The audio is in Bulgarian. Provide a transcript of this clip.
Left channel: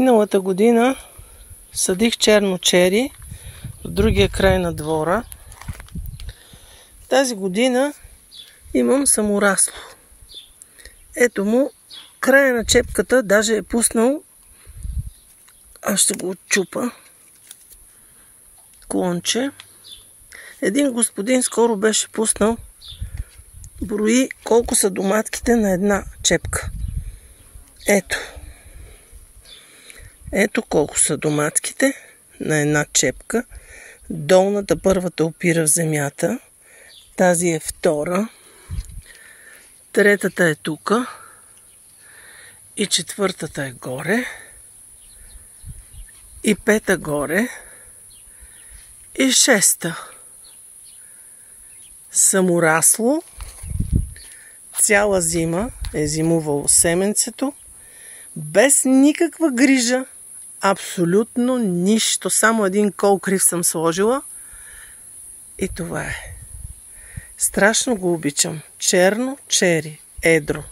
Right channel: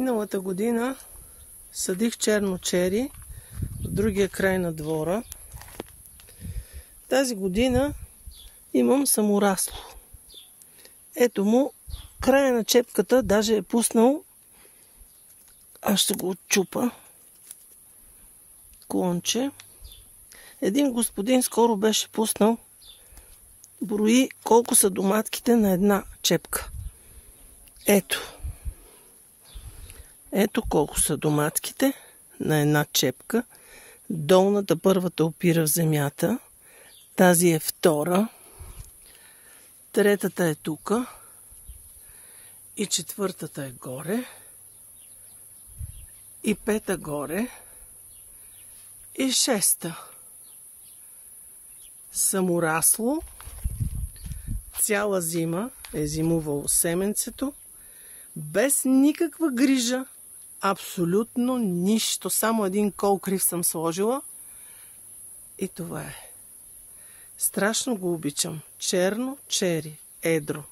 Миналата година съдих черно чери в другия край на двора. Тази година имам саморасло. Ето му, края на чепката даже е пуснал. Аз ще го отчупа. Клонче. Един господин скоро беше пуснал. Брои колко са доматките на една чепка. Ето. Ето колко са доматките на една чепка. Долната, първата, опира в земята. Тази е втора. Третата е тука. И четвъртата е горе. И пета горе. И шеста. Саморасло. Цяла зима е зимувало семенцето. Без никаква грижа. Абсолютно нищо. Само един кол крив съм сложила. И това е. Страшно го обичам. Черно чери. Едро.